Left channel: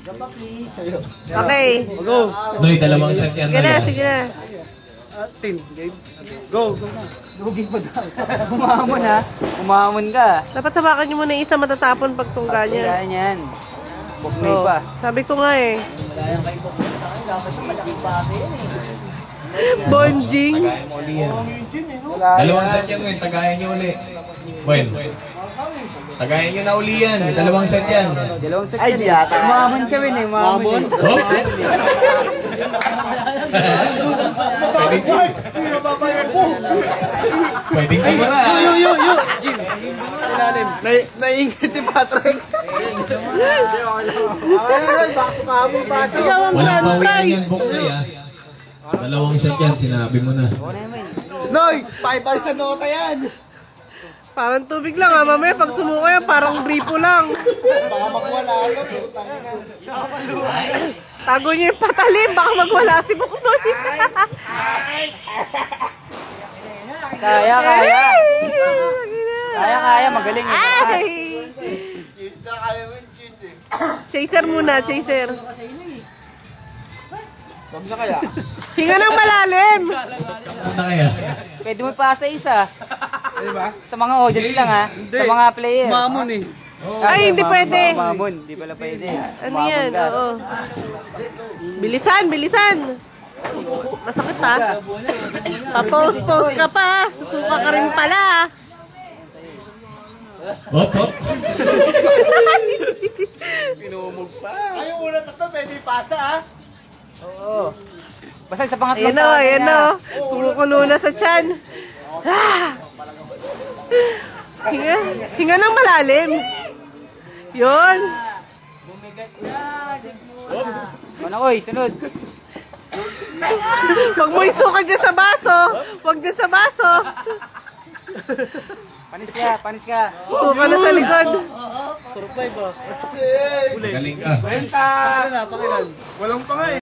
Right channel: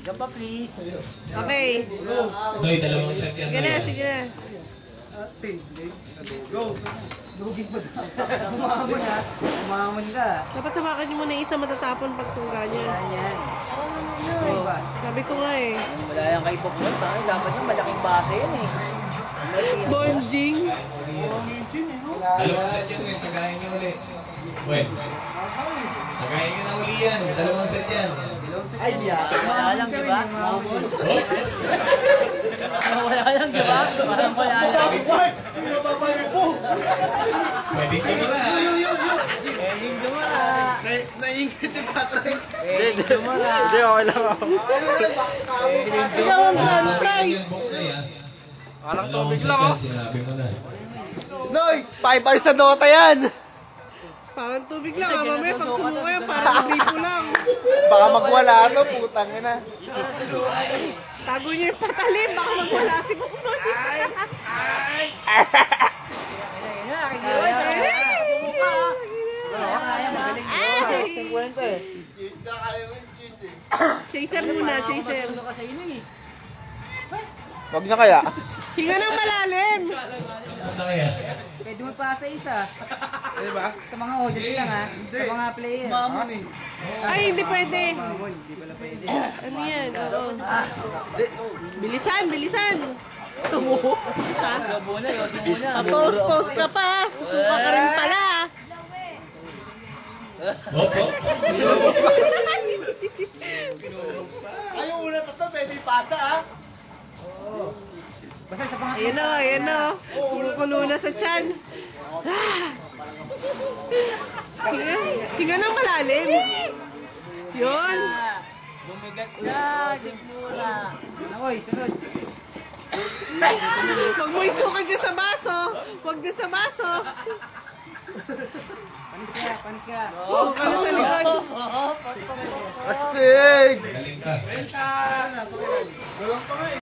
Isa pa, please. Okay. Go. Noy, dalawang set yan. Sige na, sige na. Tin, go. Lugi pa daw. Umamon ha. Umamon ka. Dapat hawakan nyo muna yung isa matatapon pag tungga niya. Yan. Oh, sabi ko nga eh. Malayang kay Bokbok sa akin. Dapat na malaking base yan eh. Bonjing. Dalawang set yan, Noy. Tagayan nyo ulit. Well, tagayan nyo na uli yan. Dalawang set yan. Ay, di ata. Umamon siya rin eh. Umamon. Pwedeng kayo na. Naingit si Patrick. Hindi, okay lang ako. Baka sumama pa. Ikaw ang Walang grand pawinan prize. yung book na yan. Dalawang set yan, sinabi mo na. Noy, 5 hours sa Dota yan. Parang tubig lang ha, mamaya pag sumuko yan, parang gripo lang. Baka magwala ano, putang ina. Tago nyo yung patalim, baka magwala si Buknoy. Kaya. Kaya, magaling. Ay! Chaser muna, chaser. Wag na kaya. Hinga ng malalim. Ano kaya? Pwede mo pa sa isa. Diba? Sa mga audience lang ha. Sa mga player. Mamon eh. Ay, hindi pwede. Mamon, hindi pala pwede. Ano yan? Oo. Bilisan, bilisan. Masakit ha. Pa-post-post ka pa. Susuka ka rin pala. Hop, hop. Ay, yung una tatlo, pwede ipasa ah. Oo. Basta sa pangatlo. Ayan o, ayan o. Kumukulo na sa tiyan. Ah! Hinga ng malalim. Yun. Bumigat na. Ano oy, sunod. Huwag mo isuka dyan sa baso. Huwag dyan sa baso. Panis ka. Suka na sa likod. Astig! Galing ka. Walang pa nga eh.